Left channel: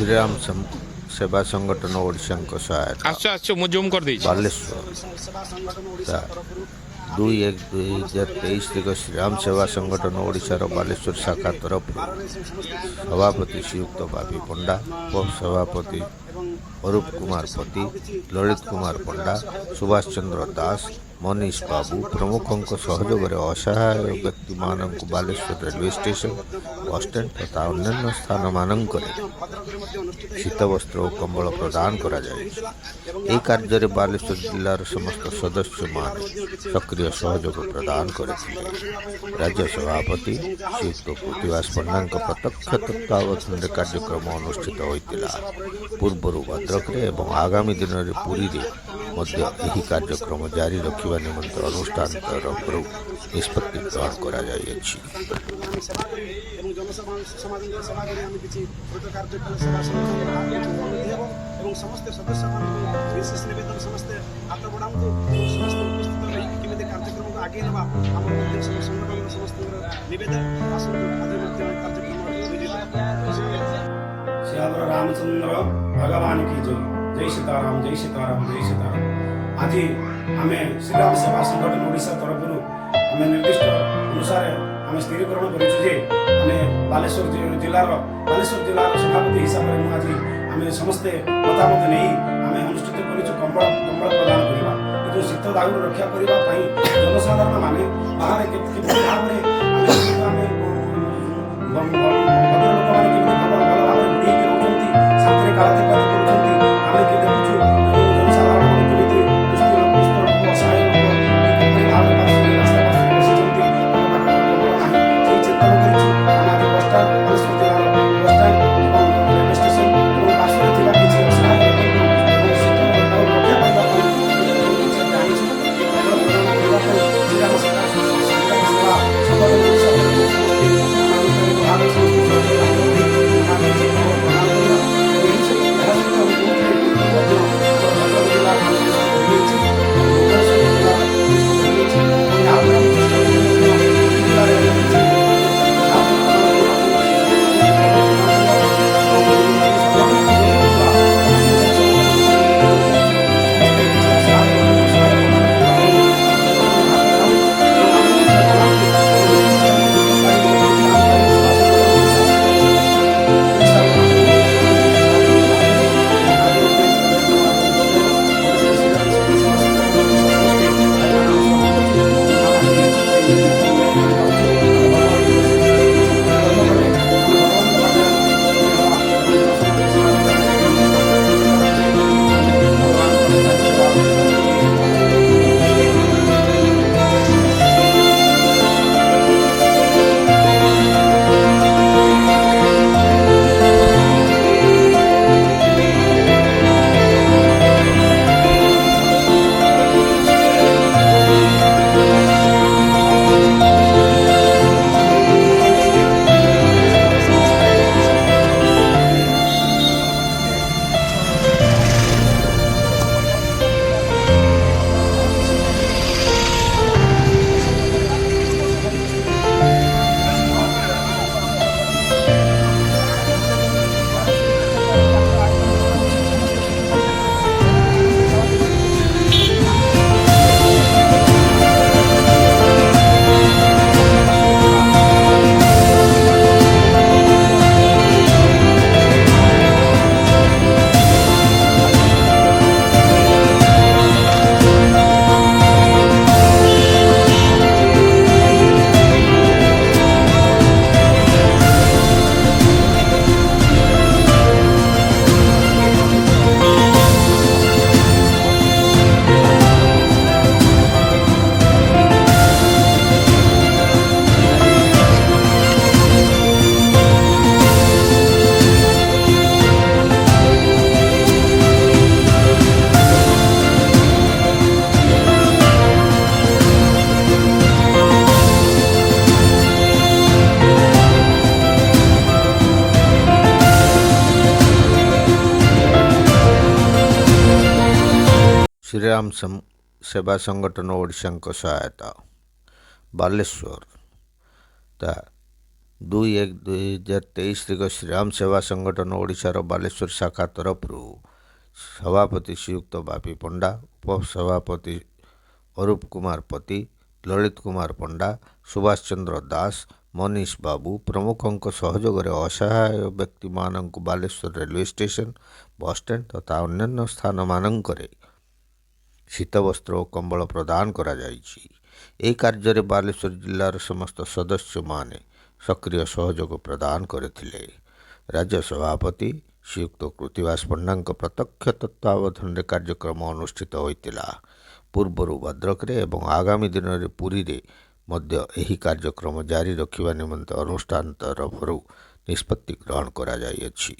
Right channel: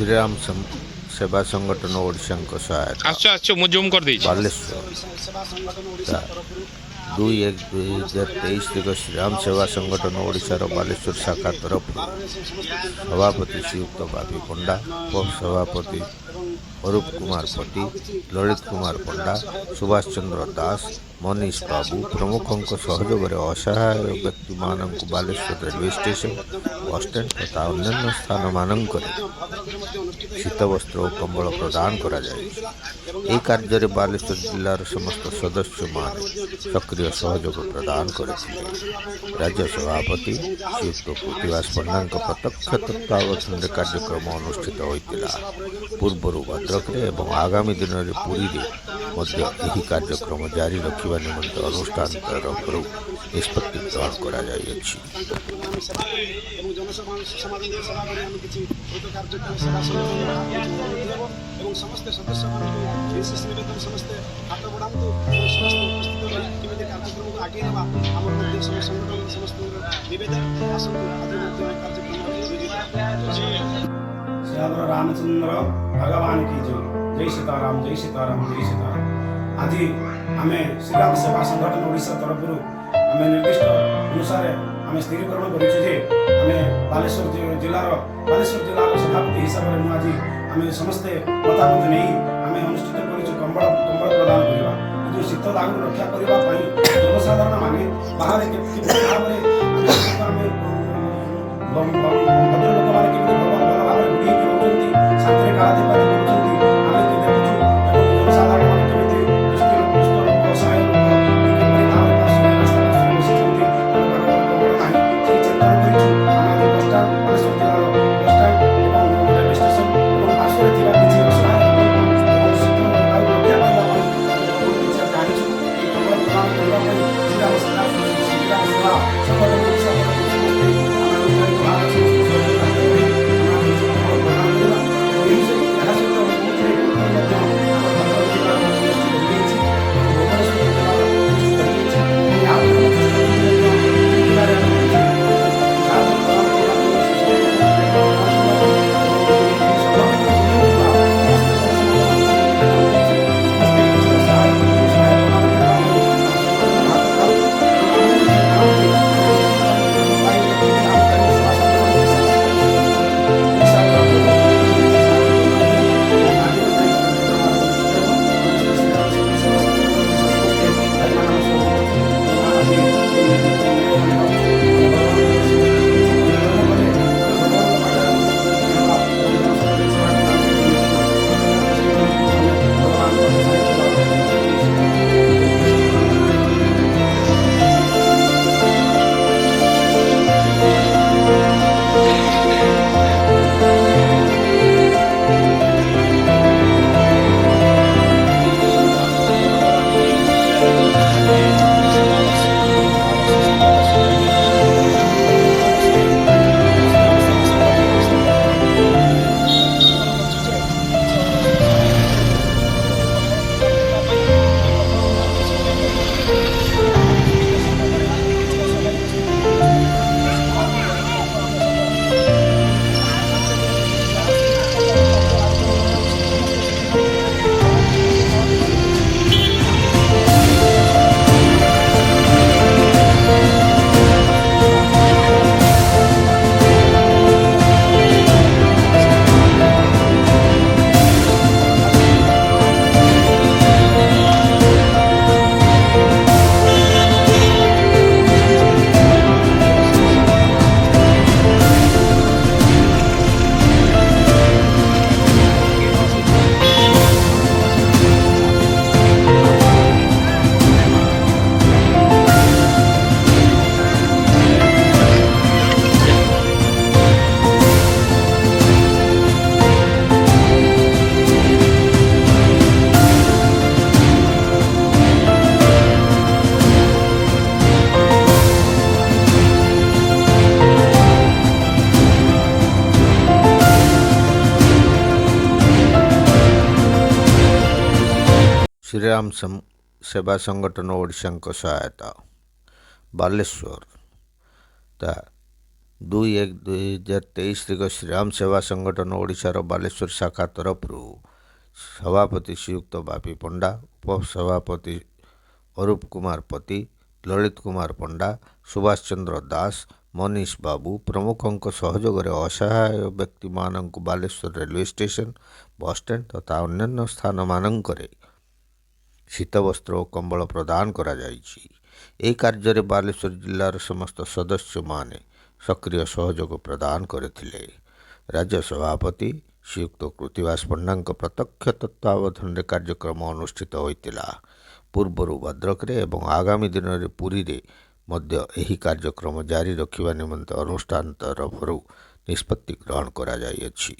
श्रीराम सेवा संगठन ओडिशा सहायता बालेश्वर 2/1/2023 श्रीराम सेवा संगठन ओडिशार बालेश्वर शाखा तरफ सभापति श्रीयुक्त बाबी पंडा, उपसभापति अरूप कुमार पति, ललित कुमार पंडा, सुभाष चंद्र दास, मनीष बाबू प्रमुखों सहयोग असहाय व्यक्ति मानक बालेश्वर रेलवे स्टेशन बसस्टैंड तथा अन्य स्थान मानक शीत वस्त्र और कंबल प्रदान करा जाए। कार्य बालेश्वर जिलार समस्त सदस्य मान सक्रिय सहयोग प्रदान करथिले। राज्य सभापति श्रीयुक्त प्रतिभास पंडा प्रत्यक्ष तत्वावधान कार्यक्रम अनुष्ठित होता। पूर्व भद्रक एवं आगामी दिन में पुरी यही कार्यक्रम जारी रखा निमंत अनुष्ठान तरफ निष्पत्ति ग्रहण करा जाइए। समस्त सदस्य विशेष नवेदन समस्ते हाथ बढ़ातु समस्त उपस्थित रही केमी कार्यक्रम को आगे ना आमर संगठन समस्त नवेदन आसतु आज कार्यक्रम श्याम रामचंद्र भगवान की जय। जय सीताराम, जय सीताराम, जय सीताराम। आज आम श्रीराम सेवा संगठन ओडिशा तरफ आम निर्दिष्ट अनुसार आम स्थिरीकरण करें बालेश्वर जिलार सभापति हिसाब से मुझे आम समस्ते मतामत नहीं आम अनुष्ठित कंबल प्रदान करवा जो शीत दागु रक्षा करने जनसाधारण माने बाहर भाव भद्र लोक मैंने भल भाव बुढ़ी रोच शांति कालातिपाती करें देखु जनसाधारण मैंने दुष्ट लोक असहाय लोक रास्ता पार्श्व बसी कंबल ना चिंतन कर बसस्टाण्ड बालेश्वर जिलार बसस्टाण्ड और रेलवे स्टेशन और पार्श्व किसी असहाय लोक शीत रक्षा पाइबा जानी कंबल प्रदान करने श्रीराम सेवा संगठन ओडिशा समस्ते भारत समस्त सहयोग हाथ बढ़ी कंबल प्रदान करवा सहित भद्रक जिलार भुवनेश्वर जिलार यहाँ पर चेष्टा पुरी जिले श्रीराम सेवा संगठन ओडिशा सहायता बालेश्वर 2/1/2023 ଶ୍ରୀରାମ ସେବା ସଂଗଠନ ଓଡ଼ିଶାର ବାଲେଶ୍ୱର ଶାଖା ତରଫରୁ ସଭାପତି ଶ୍ରୀଯୁକ୍ତ ବାପି ପଣ୍ଡା, ଉପସଭାପତି ଅରୁପ କୁମାର ପତି, ଲଳିତ କୁମାର ପଣ୍ଡା, ସୁଭାଷ ଚନ୍ଦ୍ର ଦାସ, ମନୀଷ ବାବୁ ପ୍ରମୁଖଙ୍କ ସହଯୋଗରେ ଅସହାୟ ବ୍ୟକ୍ତିମାନଙ୍କୁ ବାଲେଶ୍ୱର ରେଲୱେ ଷ୍ଟେସନ, ବସ୍ଷ୍ଟାଣ୍ଡ ତଥା ଅନ୍ୟାନ୍ୟ ସ୍ଥାନମାନଙ୍କରେ ଶୀତବସ୍ତ୍ର ଓ କମ୍ବଳ ପ୍ରଦାନ କରାଯାଇଛି। ଏହି କାର୍ଯ୍ୟରେ ବାଲେଶ୍ୱର ଜିଲ୍ଲାର ସମସ୍ତ ସଦସ୍ୟମାନେ ସକ୍ରିୟ ସହଯୋଗ ପ୍ରଦାନ କରିଥିଲେ। ରାଜ୍ୟ ସଭାପତି ଶ୍ରୀଯୁକ୍ତ କୃତିବାସ ପଣ୍ଡାଙ୍କ ପ୍ରତ୍ୟକ୍ଷ ତତ୍ତ୍ୱାବଧାନରେ କାର୍ଯ୍ୟକ୍ରମ ଅନୁଷ୍ଠିତ ହୋଇଥିଲା। ପୂର୍ବରୁ ଭଦ୍ରକରେ ଏବଂ ଆଗାମୀ ଦିନରେ ପୁରୀରେ ମଧ୍ୟ ଏହି କାର୍ଯ୍ୟକ୍ରମ ଜାରି ରଖିବା ନିମନ୍ତେ ଅନୁଷ୍ଠାନ ତରଫରୁ ନିଷ୍ପତ୍ତି ଗ୍ରହଣ କରାଯାଇଅଛି।